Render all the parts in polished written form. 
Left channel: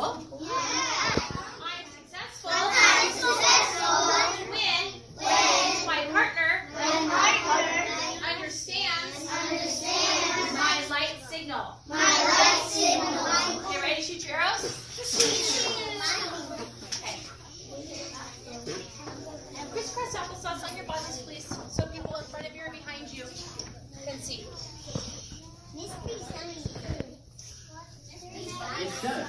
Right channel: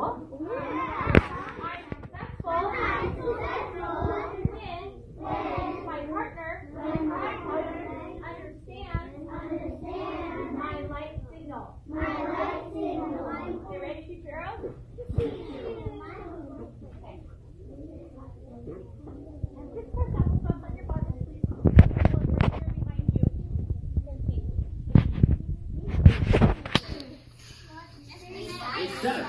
successful? I'm successful. When my partner understands my light signal. Okay, ready to shoot your arrows? Crisscross applesauce on your bodies, please, so people in front of you or behind you can see. It does.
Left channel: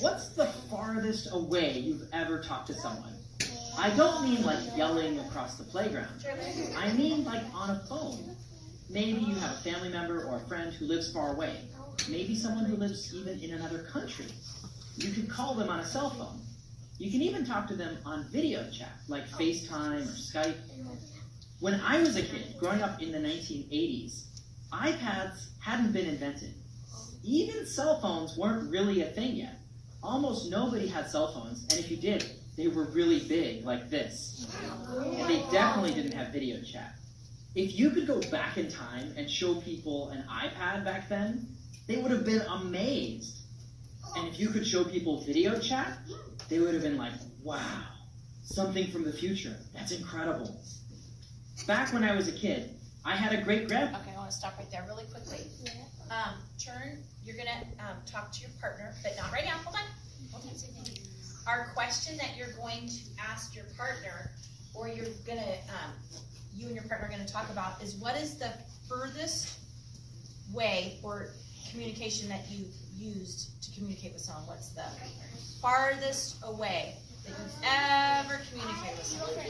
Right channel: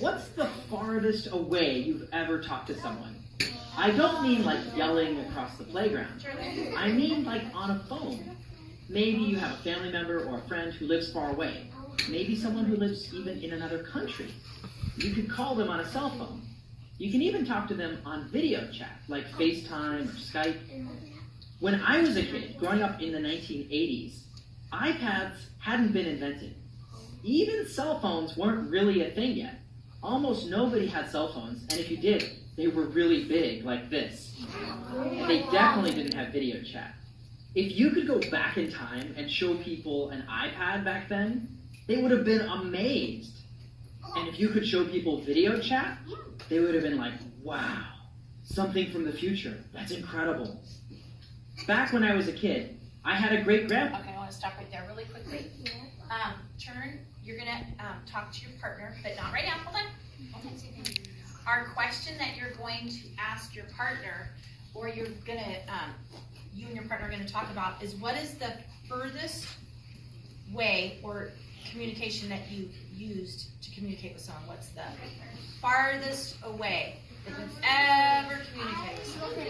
What's the farthest away you've ever talked to someone? I don't mean like yelling across the playground. I mean like on a phone. Maybe you have a family member or a friend who lives far away. Maybe someone who lives even in another country. You could call them on a cell phone. You can even talk to them on video chat, like FaceTime or Skype. When I was a kid, growing up in the 1980s, iPads hadn't been invented. Even cell phones weren't really a thing yet. Almost nobody had cell phones, and if you did, they were really big, like this. And they definitely didn't have video chat. If you could go back in time and show people an iPad back then, they would have been amazed. And if you could show people video chat, they would have been like, wow, something from the future. That's incredible. Back when I was a kid, I had a great-grandpa. Okay, I want to stop right there really quickly. Turn, you're going to talk to your partner, but not right now. Hold on. Our question that you're going to ask your partner, or you're going to, you and your partner are going to talk about, is what is the furthest way or communication that you've used to communicate with someone? What's the farthest away that you've ever communicated with someone?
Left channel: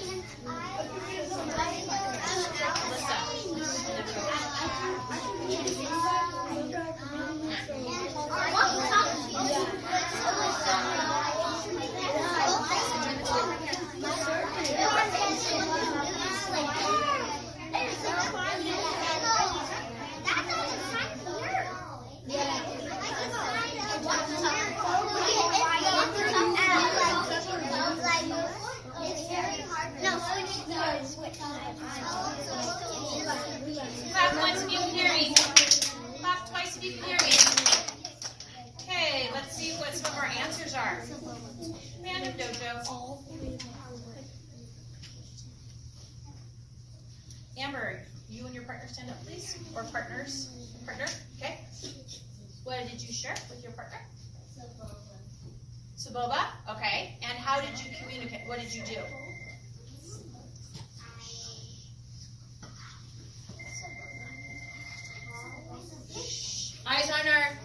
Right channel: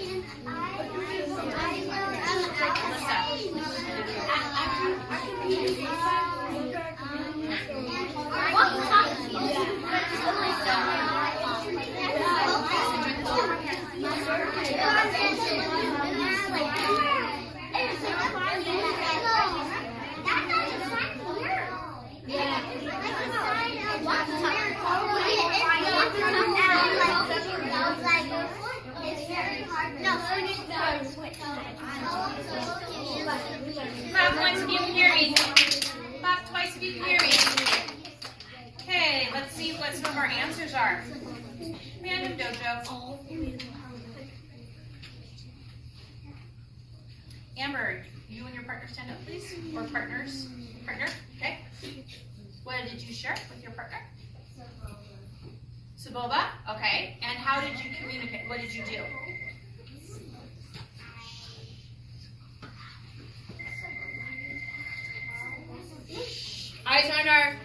Clap once if you can hear me. Clap twice if you can hear me. Okay, let's see what some of our answers are. Random Dojo. Amber, you and your partner stand up, please. Or partners. Partner, okay. What did you share with your partner? Saboba, okay. And how did you communicate? What did you do? Eyes on our...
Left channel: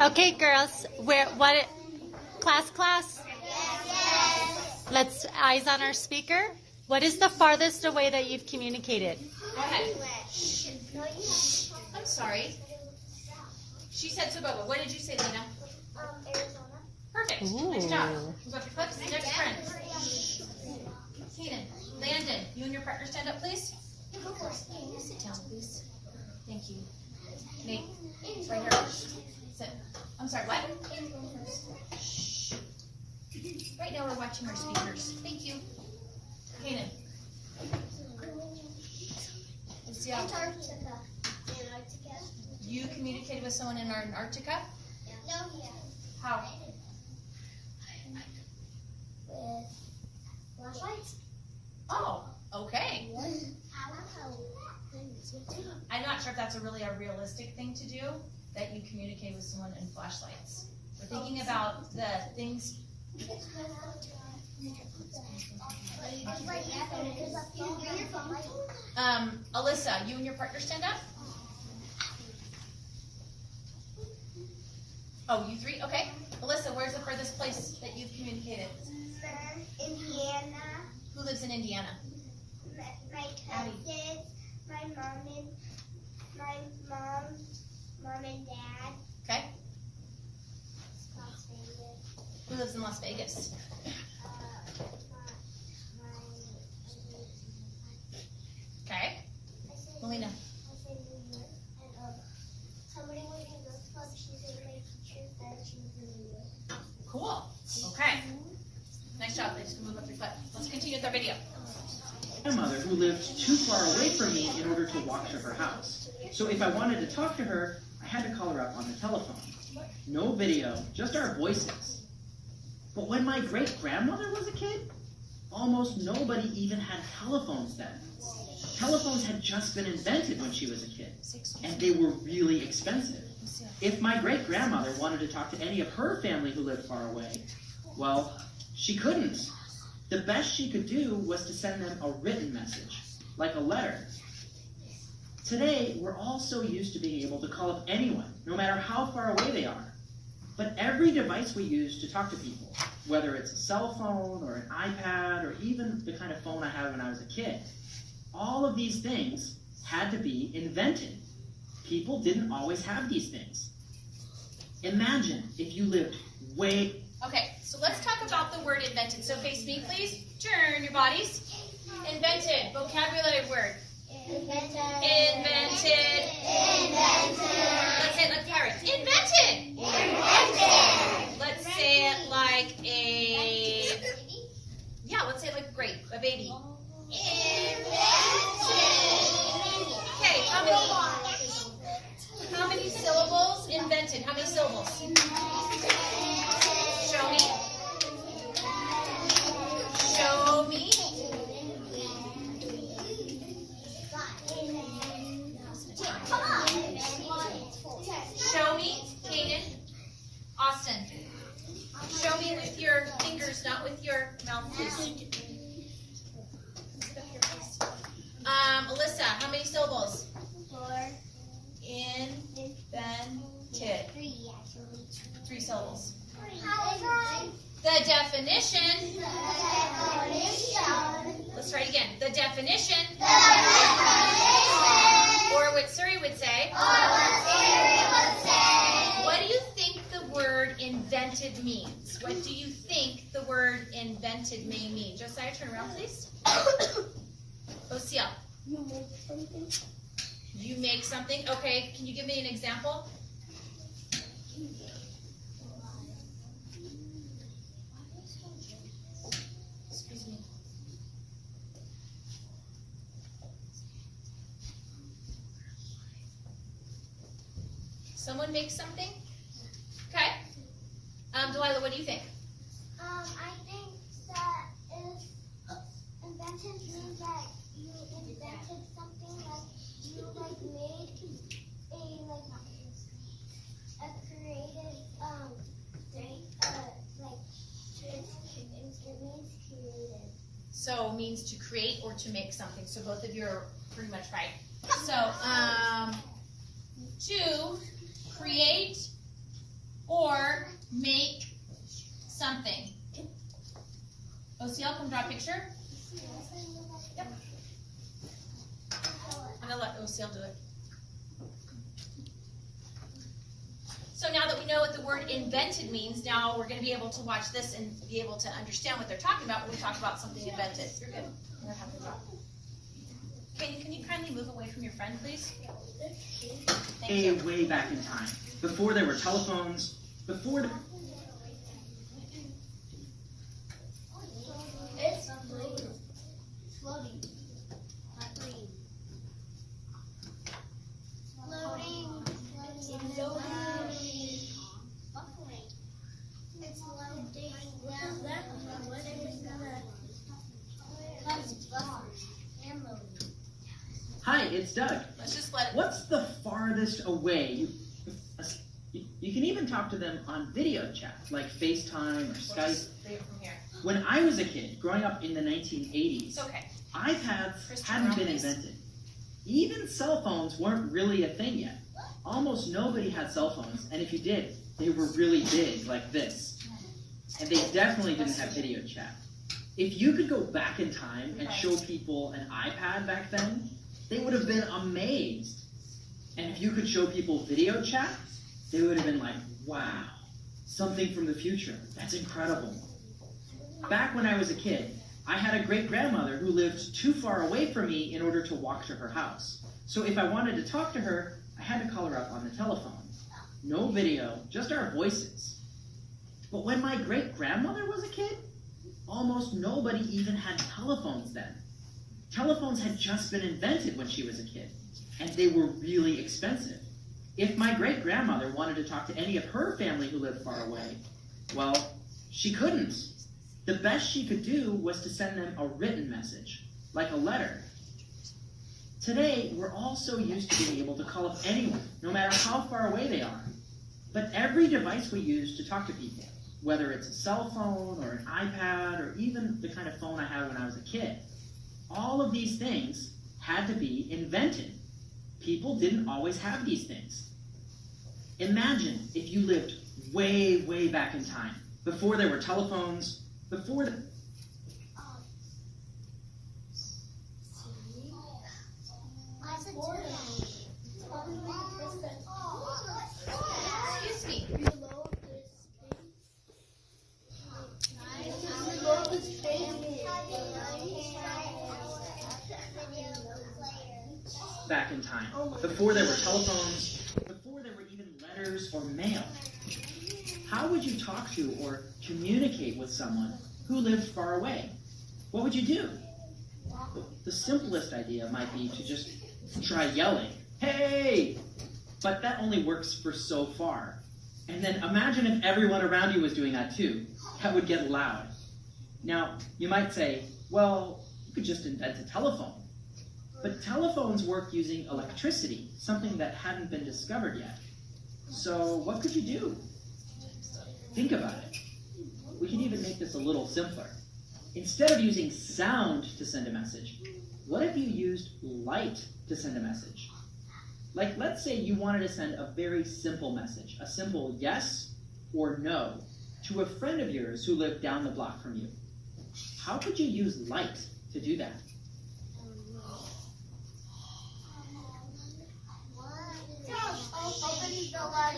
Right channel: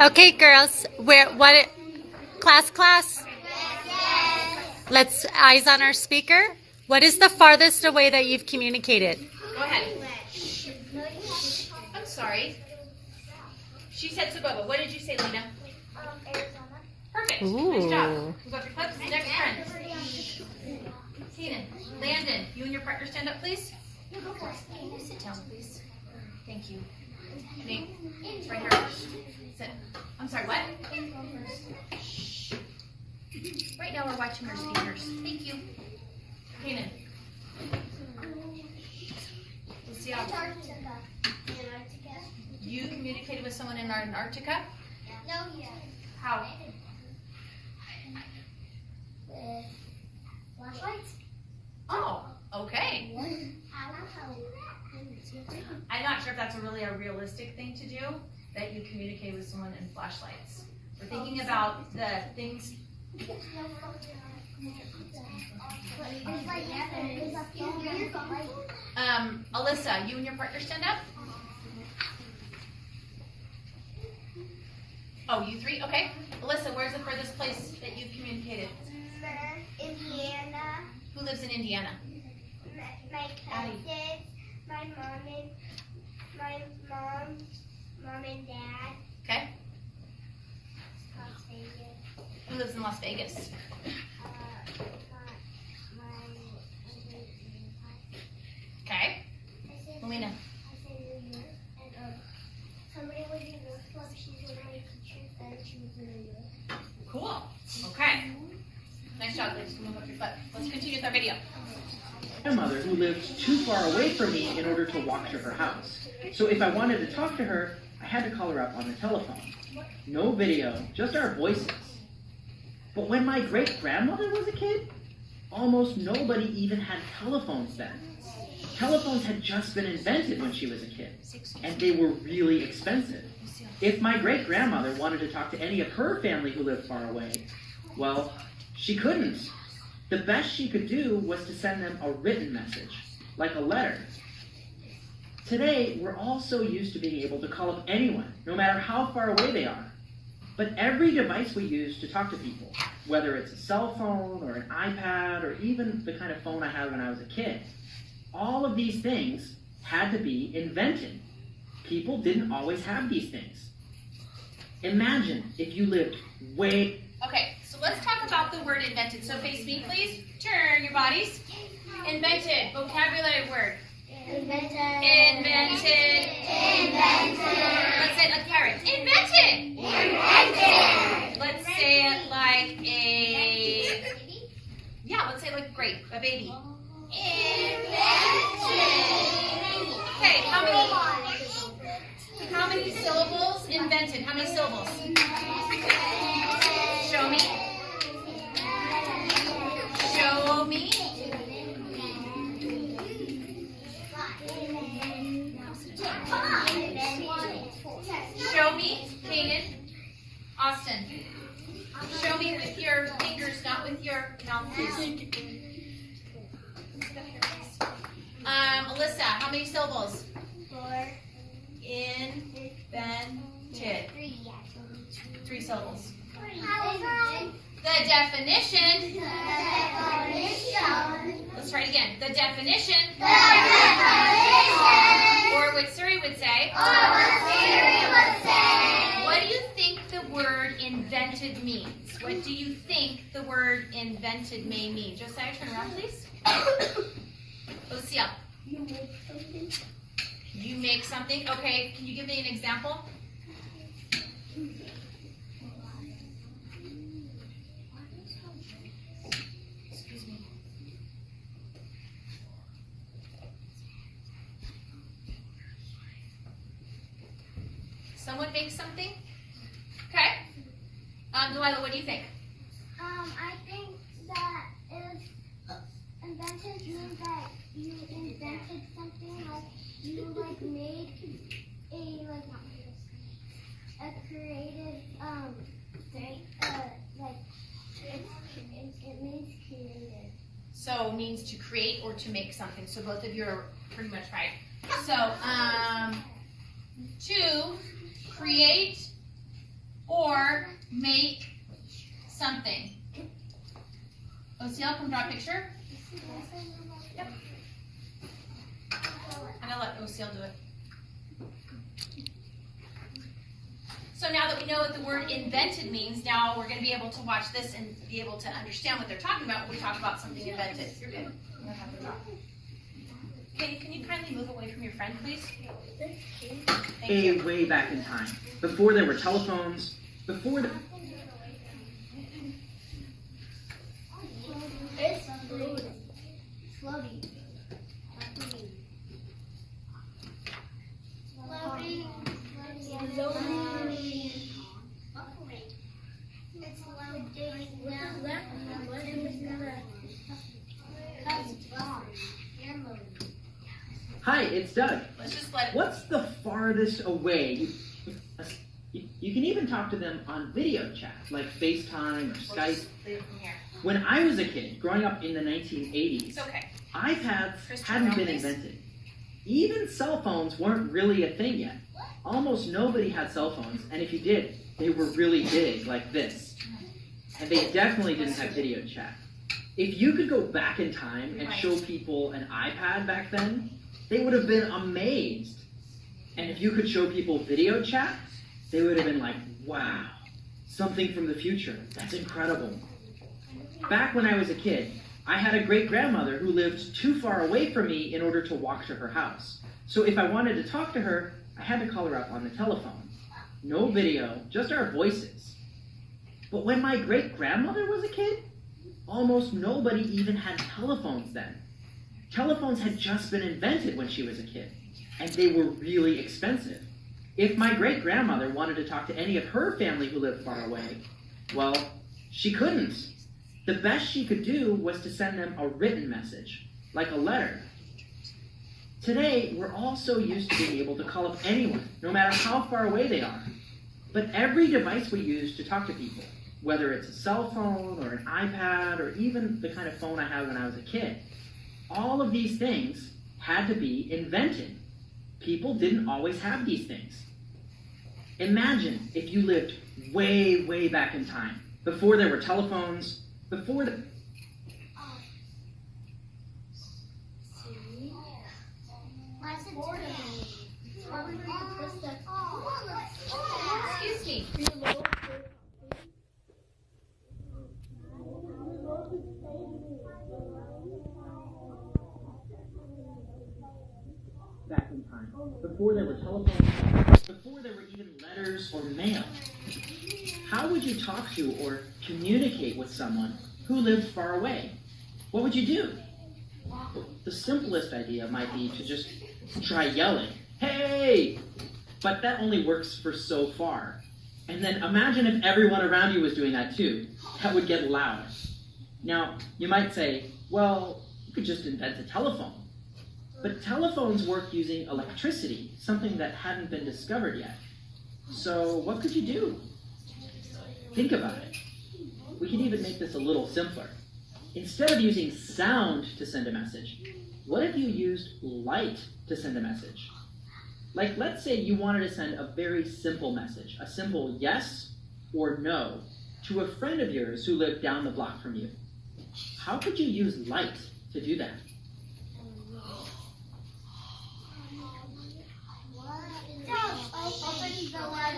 Okay, girls, class? Let's eyes on our speaker. What is the farthest away that you've communicated? Go ahead. I'm sorry. She said Saboba. What did you say, Lena? Arizona. Perfect. Ooh. Nice job. Who's up your clips? Next friend. Keenan. Landon, you and your partner stand up, please. Can you sit down, please? Thank you. Nate, right here. Sit. I'm sorry, what? Shh. Right now we're watching our speakers. Thank you. Keenan. Lucia. Antarctica. You communicated with someone in Antarctica? No, yeah. How? With flashlights? Oh, okay. I'm not sure if that's really a realistic thing to do, that you communicate with someone in flashlights. We're thinking about the things. Alyssa, you and your partner stand up? Oh, you three? Okay. Alyssa, where's the furthest place that you've communicated? Indiana. Who lives in Indiana? My cousins, my mom and dad. Okay. Las Vegas. Who lives in Las Vegas? Okay. Melina. I said New York and Let's continue with our video. Grandmother who lived too far away from me in order to walk to her house. So if I wanted to talk to her, I had to call her up on the telephone. No video, just our voices. But when my great-grandmother was a kid, almost nobody even had telephones then. Telephones had just been invented when she was a kid, and they were really expensive. If my great-grandmother wanted to talk to any of her family who lived far away, well, she couldn't. The best she could do was to send them a written message, like a letter. Today, we're all so used to being able to call up anyone, no matter how far away they are. But every device we use to talk to people, whether it's a cell phone or an iPad or even the kind of phone I had when I was a kid, all of these things had to be invented. People didn't always have these things. Imagine if you lived way... Okay, so let's talk about the word invented. So face me, please. Turn your bodies. Invented. Vocabulary word. Invented. Invented. Let's say it like pirates. Invented. Let's say it like a... Yeah, let's say it like a grape, a baby. Okay, how many syllables? Invented. How many syllables? Show me. Show me. Show me, Kaden. Austin. Show me with your fingers, not with your mouth, please. Alyssa, how many syllables? 4. Invented. 3 syllables. The The definition. Let's try it again. The definition. Or what Siri would say. What do you think the word invented means? What do you think the word invented may mean? Josiah, turn around, please. Osea. You make something. You make something. Okay, can you give me an example? Excuse me. Someone makes something? Okay. Delilah, what do you think? I think that if invented means that you invented something, like you made a creative thing, it means creative. So means to create or to make something. So both of you are pretty much right. So to create or make something. Osea, come draw a picture. Yep. I'm going to let Osea do it. So now that we know what the word invented means, now we're going to be able to watch this and be able to understand what they're talking about when we talk about something invented. You're good. I'm going to have to draw. Okay, can you kindly move away from your friend, please? Thank you. way back in time, before there were telephones, before... It's floating. Hi, it's Doug. Let's just let it. What's the farthest away? You can even talk to them on video chat, like FaceTime or We'll Skype. just leave it from here. When I was a kid, growing up in the 1980s, It's okay. iPads Kristen, hadn't wrong, been please. invented. Even cell phones weren't really a thing yet. Almost nobody had cell phones, and if you did, they were really big, like this. And they definitely didn't have video chat. If you could go back in time and show people an iPad back then, they would have been amazed. And if you could show people video chat, they would have been like, wow, something from the future. That's incredible. Back when I was a kid, I had a great-grandmother who lived too far away from me in order to walk to her house. So if I wanted to talk to her, I had to call her up on the telephone. No video, just our voices. But when my great-grandmother was a kid, almost nobody even had telephones then. Telephones had just been invented when she was a kid, and they were really expensive. If my great-grandmother wanted to talk to any of her family who lived far away, well, she couldn't. The best she could do was to send them a written message, like a letter. Today, we're all so used to being able to call up anyone, no matter how far away they are. But every device we use to talk to people, whether it's a cell phone or an iPad or even the kind of phone I had when I was a kid, all of these things had to be invented. People didn't always have these things. Imagine if you lived way, way back in time, before there were telephones, before the... Excuse me. Back in time, before there were telephones, before there were even letters or mail. How would you talk to or communicate with someone who lived far away? What would you do? Well, the simplest idea might be to just try yelling, "Hey!" But that only works for so far. And then imagine if everyone around you was doing that too. That would get loud. Now, you might say, well, you could just invent a telephone. But telephones work using electricity, something that hadn't been discovered yet. So what could you do? Think about it. We can even make this a little simpler. Instead of using sound to send a message, what if you used light to send a message? Like, let's say you wanted to send a very simple message, a simple yes or no, to a friend of yours who lived down the block from you. How could you use light to do that?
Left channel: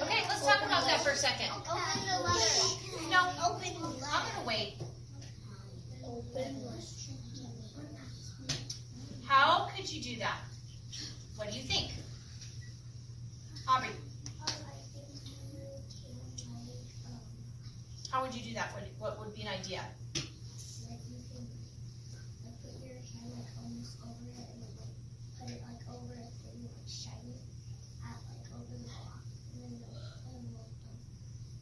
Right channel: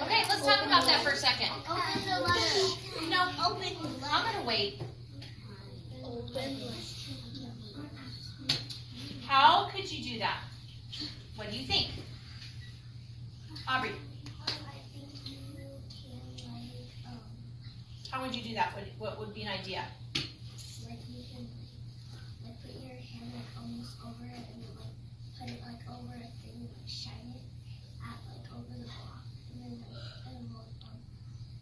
Okay, let's talk about that for a second. Open the letter. No, I'm gonna wait. How could you do that? What do you think? Aubrey, how would you do that? What would be an idea? Like you can like put your hand like almost over it and then like put it like over a thing and like shine it at like over the block and then it will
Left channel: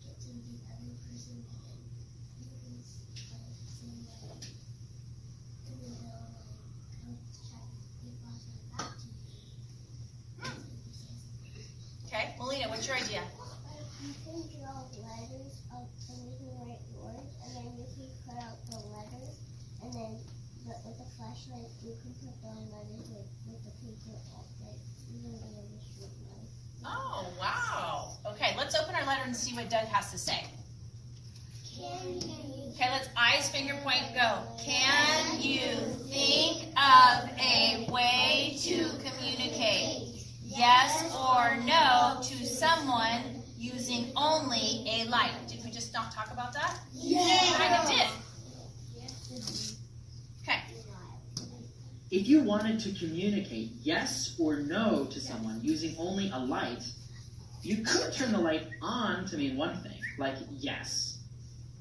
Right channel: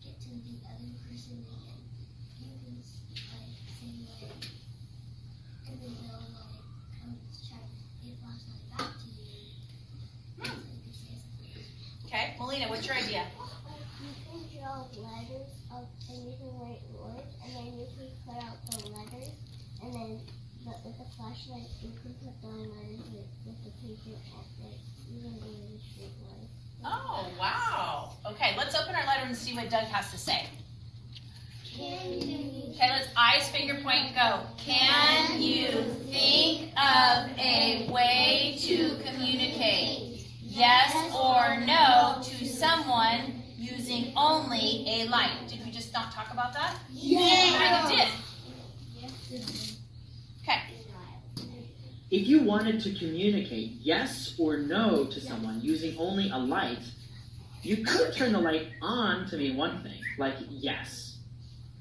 get to the other person and then you can like say like and then they'll like come try to get flashlight back to you. So you can say something. Okay, Melina, what's your idea? You can draw letters up and you can write words and then you can cut out the letters and then with the flashlight you can put the letters with the paper at like even though the street light. Oh, wow. Okay, let's open our letter and see what Doug has to say. Can you Okay, let's eyes, finger point, go. Can you think of a way to communicate yes or no to someone using only a light? Did we just not talk about that? Yeah. Kind of did. Okay. If you wanted to communicate yes or no to someone using only a light, you could turn the light on to mean one thing, like yes,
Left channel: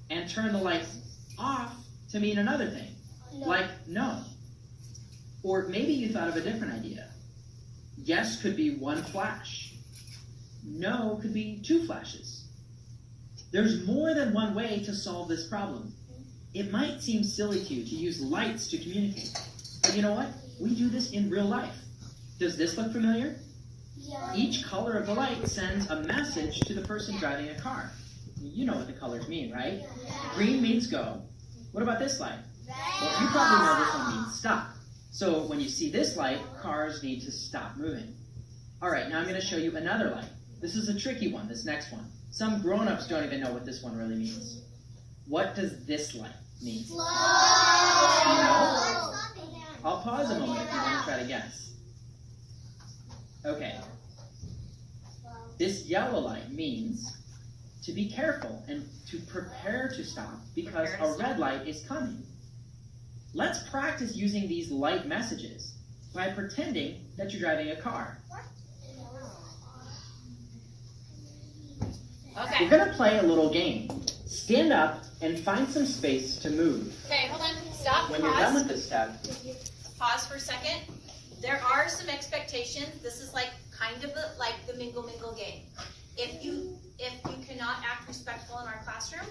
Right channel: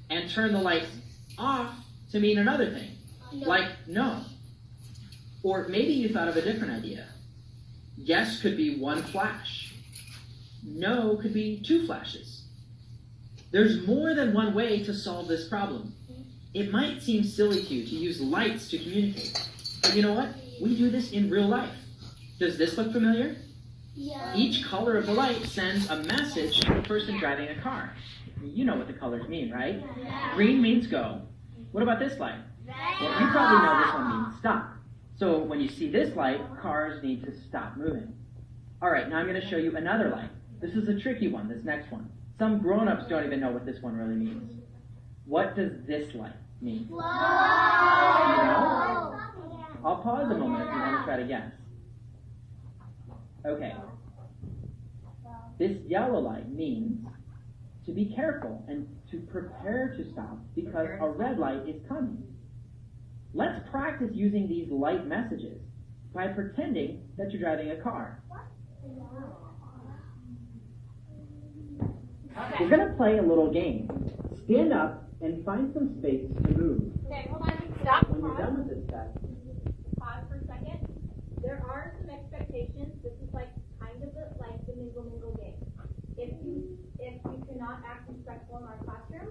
and turn the light off to mean another thing, like no. Or maybe you thought of a different idea. Yes could be one flash. No could be two flashes. There's more than one way to solve this problem. It might seem silly to you to use lights to communicate. But you know what? We do this in real life. Does this look familiar? Yeah. Each color of the light sends a message to the person driving a car. You know what the colors mean, right? Green means go. What about this light? Well, you probably know this one means stop. So when you see this light, cars need to stop moving. All right, now I'm going to show you another light. This is a tricky one, this next one. Some grown-ups don't even know what this one really means. What does this light mean? Slow. No? I'll pause a moment if you want to try to guess. Okay. This yellow light means to be careful and to prepare to stop because a red light is coming. Let's practice using these light messages by pretending that you're driving a car. Okay. We're going to play a little game. Stand up and find some space to move. Okay, hold on. Stop. When you're done Pause. with this step, Pause for a second. There are some expectations. This is like kind of like the mingle game. If you cannot act respectful in our classroom,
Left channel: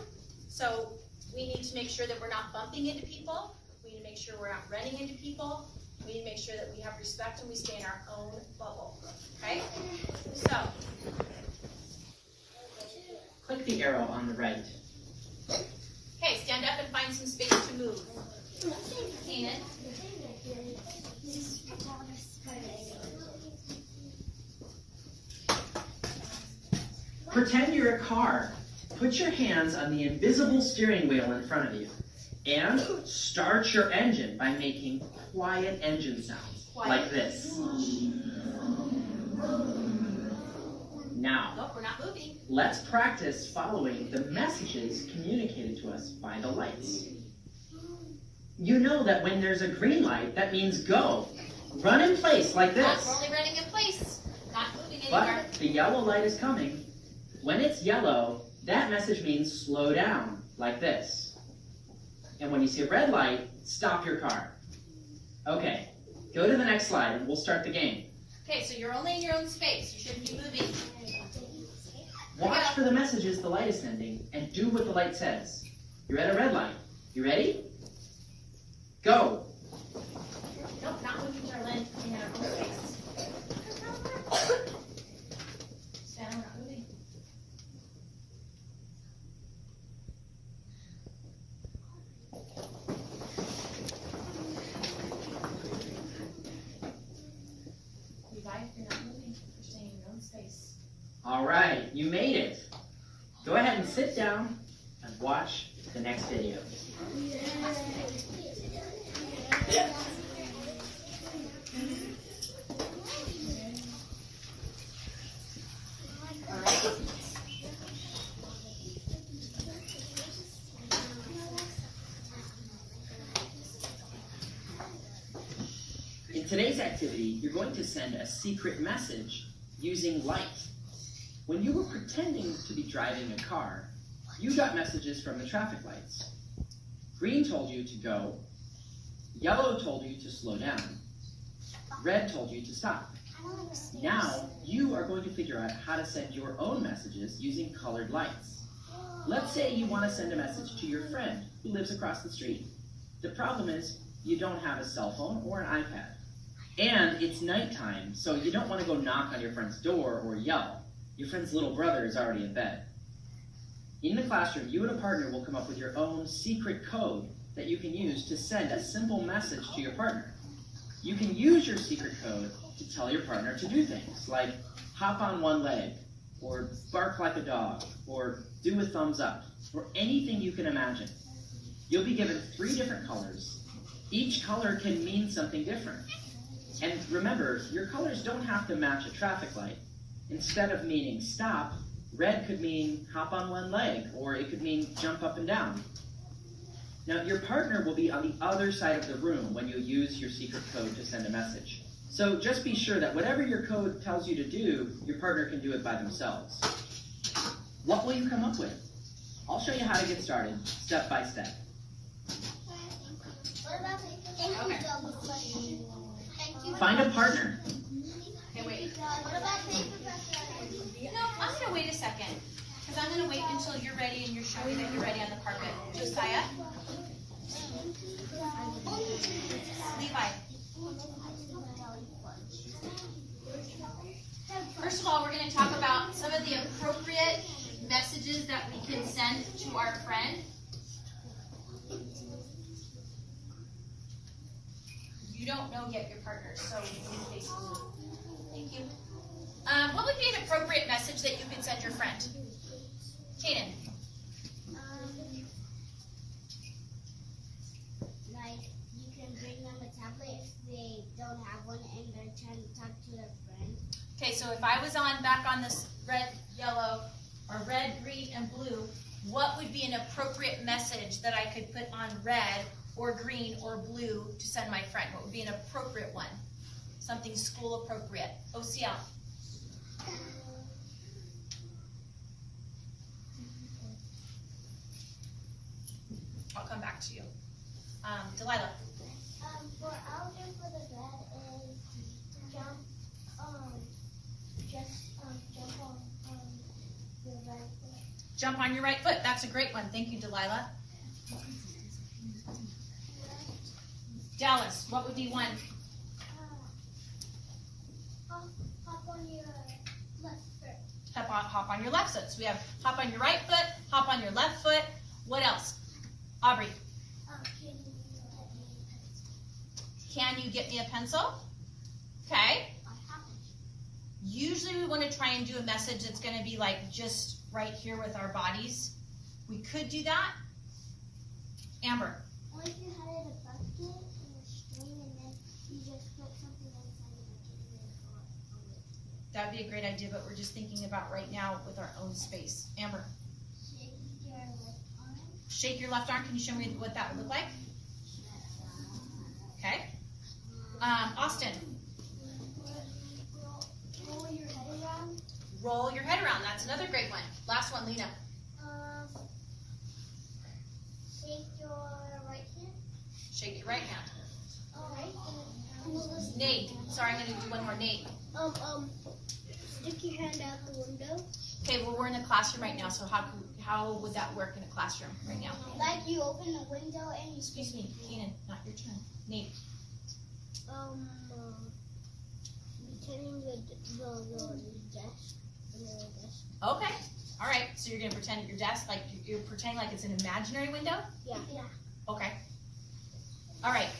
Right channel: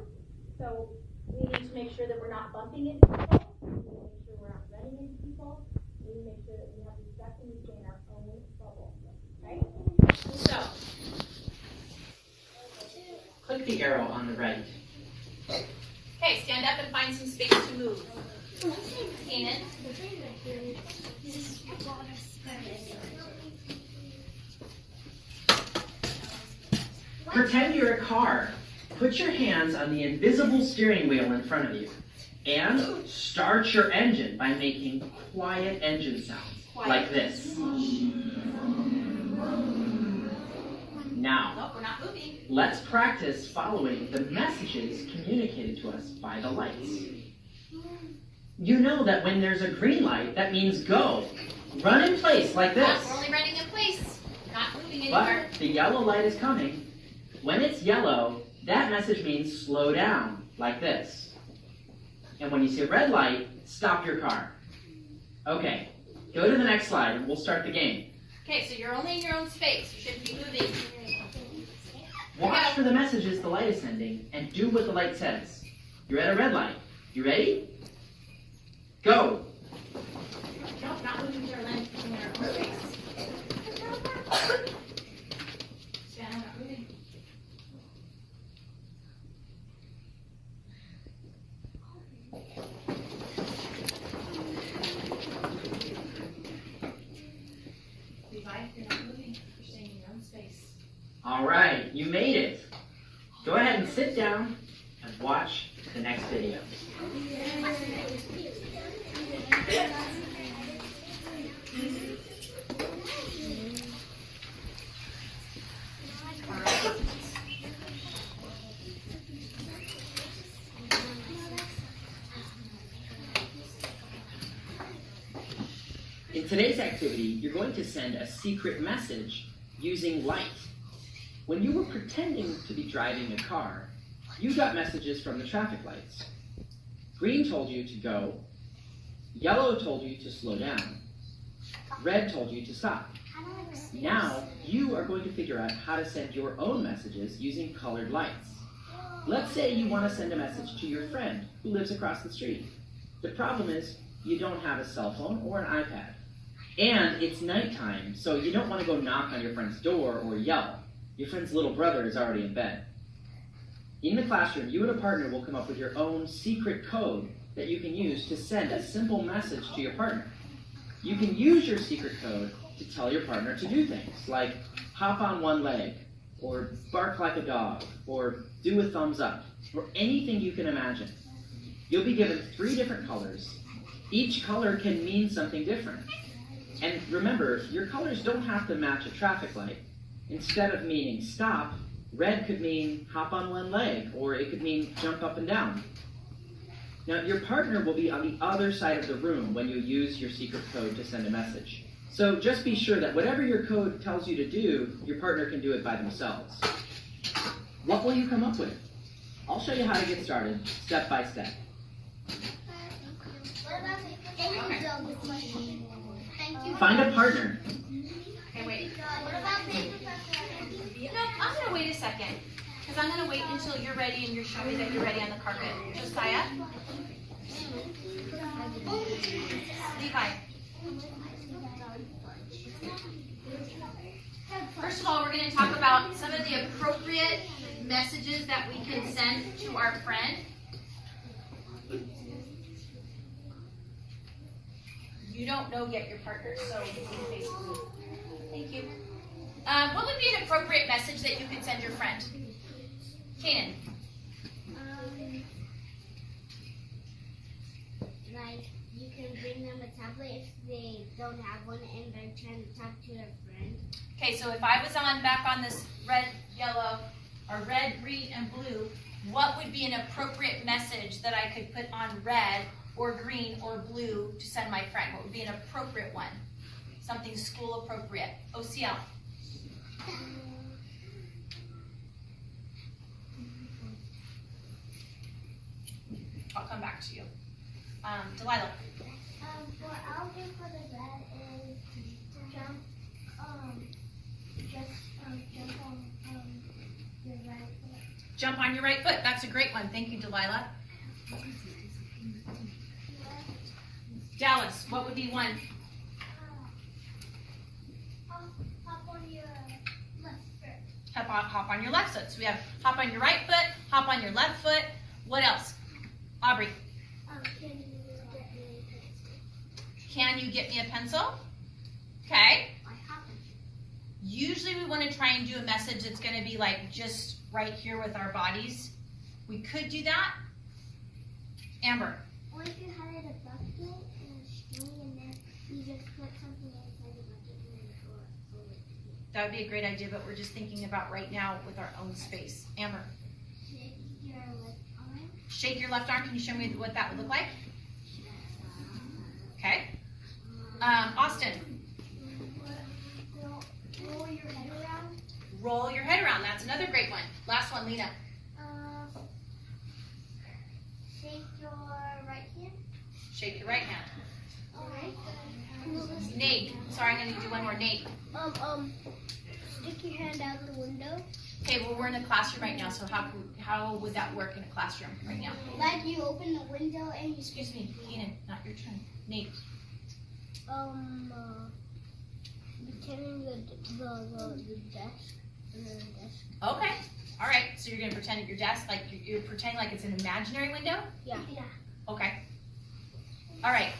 so we need to make sure that we're not bumping into people. We need to make sure we're not running into people. We need to make sure that we have respect and we stay in our own bubble. Okay? So click the arrow on the right. okay, stand up and find some space to move. Kanan. Pretend you're a car. Put your hands on the invisible steering wheel in front of you and start your engine by making quiet engine sounds like this. Now, Nope, we're not moving. let's practice following the messages communicated to us by the lights. You know that when there's a green light, that means go. Run in place like this. We're only running in place, not moving But anywhere. the yellow light is coming. When it's yellow, that message means slow down, like this. And when you see a red light, stop your car. Okay, go to the next slide and we'll start the game. Okay, so you're only in your own space. You shouldn't be moving. Watch for the messages the light is sending and do what the light says. You're at a red light. You ready? Go! No, not moving, Charlene. In our own space. Stand, we're not moving. Levi, you're not moving. You're staying in your own space. All right, you made it. Go ahead and sit down and watch the next video. In today's activity, you're going to send a secret message using light. When you were pretending to be driving a car, you got messages from the traffic lights. Green told you to go, yellow told you to slow down, red told you to stop. Now, you are going to figure out how to send your own messages using colored lights. Let's say you want to send a message to your friend who lives across the street. The problem is, you don't have a cell phone or an iPad. And it's nighttime, so you don't want to go knock on your friend's door or yell. Your friend's little brother is already in bed. In the classroom, you and a partner will come up with your own secret code that you can use to send a simple message to your partner. You can use your secret code to tell your partner to do things like hop on one leg, or bark like a dog, or do a thumbs up, or anything you can imagine. You'll be given 3 different colors. Each color can mean something different. And remember, your colors don't have to match a traffic light. Instead of meaning stop, red could mean hop on one leg, or it could mean jump up and down. Now, your partner will be on the other side of the room when you use your secret code to send a message. So just be sure that whatever your code tells you to do, your partner can do it by themselves. What will you come up with? I'll show you how to get started, step by step. Find a partner. Okay, wait. No, I'm going to wait a second. Because I'm going to wait until you're ready and you're showing that you're ready on the carpet. Josiah? Levi? First of all, we're going to talk about some of the appropriate messages that we can send to our friend. You don't know yet your partner, so basically, thank you. What would be an appropriate message that you can send your friend? Kanan. Like, you can bring them a tablet if they don't have one and they're trying to talk to their friend. Okay, so if I was back on this red, yellow, or red, green, and blue, what would be an appropriate message that I could put on red or green or blue to send my friend? What would be an appropriate one? Something school appropriate. OCL. come back to you. Delilah. What I'll do for the bed is jump, jump on your right foot. Jump on your right foot. That's a great one. Thank you, Delilah. Dallas, what would be one? Hop on your left foot. Hop on your left foot. So we have hop on your right foot, hop on your left foot. What else? Aubrey. Can you get me a pencil? Okay. Usually we want to try and do a message that's going to be like just right here with our bodies. We could do that. Amber. Or if you had a bucket and a string and then you just put something inside the bucket and then throw it over. That would be a great idea, but we're just thinking about right now with our own space. Amber. Shake your left arm. Shake your left arm. Can you show me what that would look like? Okay. Austin. Roll your head around. Roll your head around. That's another great one. Last one, Lena. Shake your right hand. Shake your right hand. Alright. Nate. Sorry, I'm going to do one more. Nate. Stick your hand out the window. Okay, well, we're in the classroom right now, so how would that work in a classroom right now? Like you open the window and you. Excuse me, Keenan, not your turn. Nate. Pretending the desk. Okay. All right. So you're gonna pretend at your desk, like you're pretending like it's an imaginary window. Yeah. Okay. All right.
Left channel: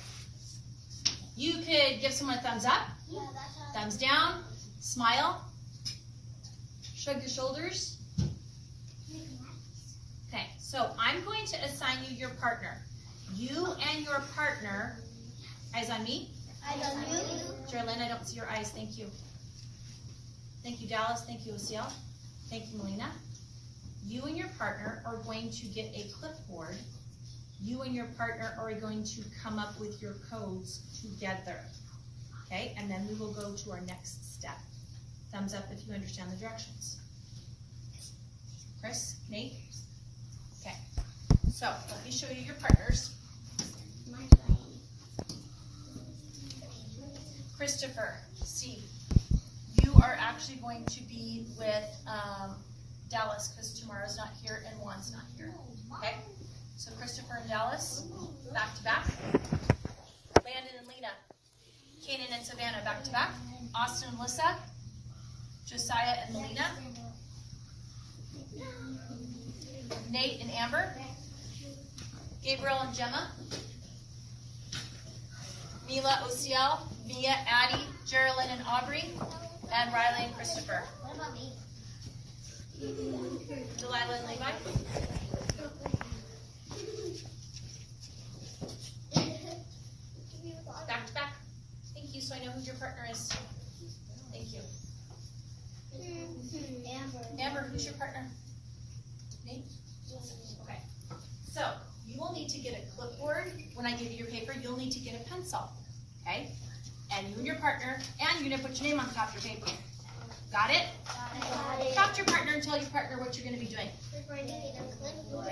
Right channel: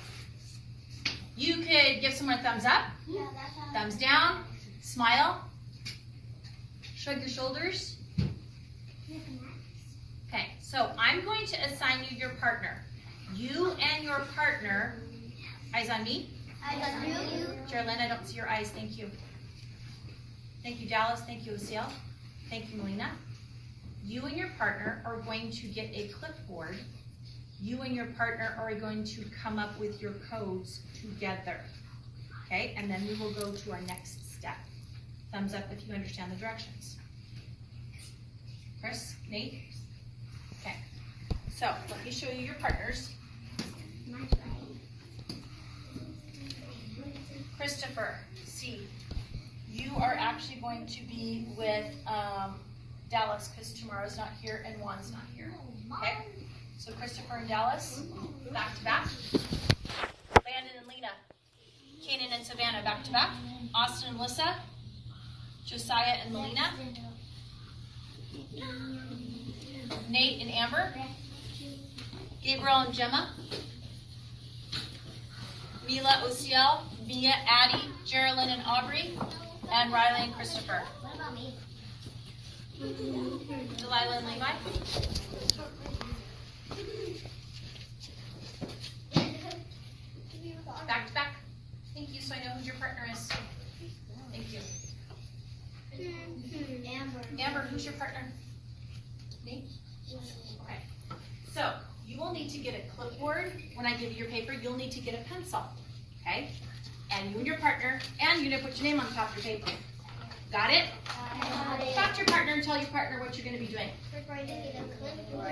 You could give someone a thumbs up, Yeah, that's how. thumbs down, smile, shrug your shoulders. Okay. So I'm going to assign you your partner. You and your partner. Eyes on me. I got you. Geraldine, I don't see your eyes. Thank you. Thank you, Dallas. Thank you, Lucille. Thank you, Melina. You and your partner are going to get a clipboard. You and your partner are going to come up with your codes together. Okay, and then we will go to our next step. Thumbs up if you understand the directions. Chris, Nate? Okay, so let me show you your partners. Christopher, C. You are actually going to be with Dallas because tomorrow's not here and Juan's not here. Okay? So Christopher and Dallas, back to back. Landon and Lena. Kanan and Savannah, back to back. Austin and Melissa. Josiah and Melina. Nate and Amber. Gabriel and Gemma. Mila, Osiel, Mia, Addie, Geraldine and Aubrey, and Riley and Christopher. What about me? Delilah and Levi. Back to back. Thank you, so I know who your partner is. Thank you. Amber, who's your partner? Nate? Okay. So, you will need to get a clipboard. When I give you your paper, you'll need to get a pencil. Okay? And you and your partner, and you're going to put your name on the top of your paper. Got it? Talk to your partner and tell your partner what you're going to be doing. We're going to get a clipboard.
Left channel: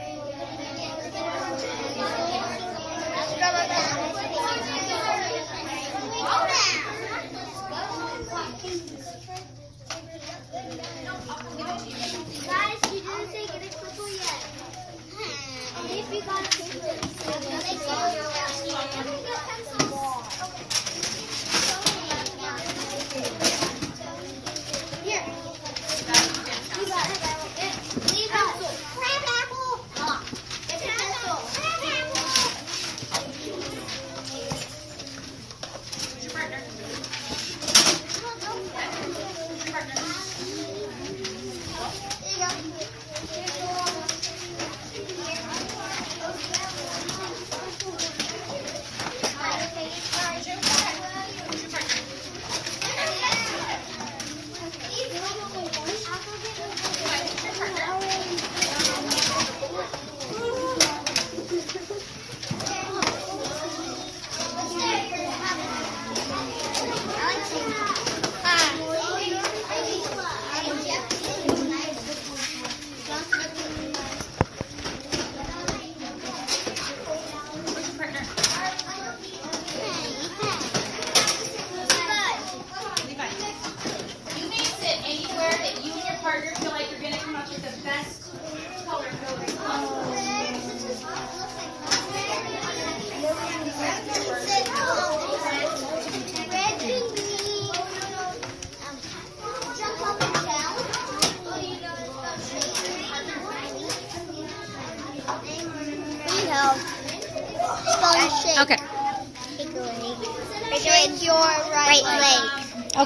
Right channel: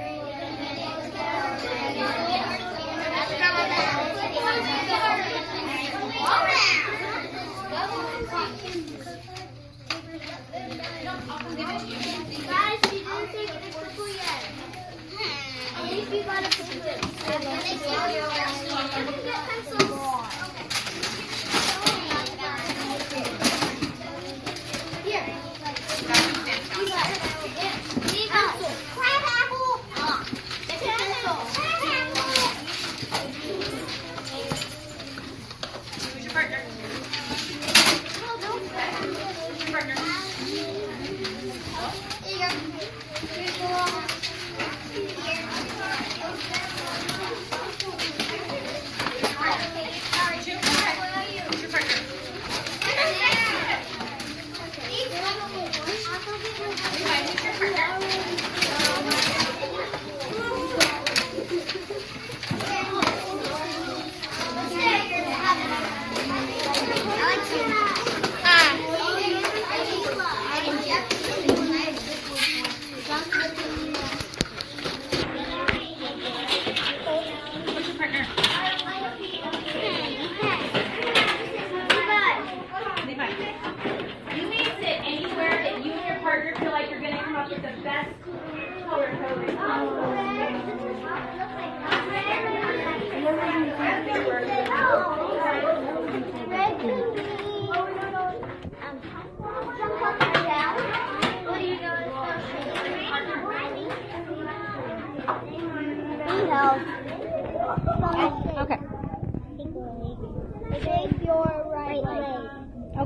Guys, she didn't take the clipboard yet. If you got a clipboard, here. You got it. Crab apple. Pencil. Who's your partner?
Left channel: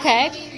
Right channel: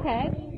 Okay.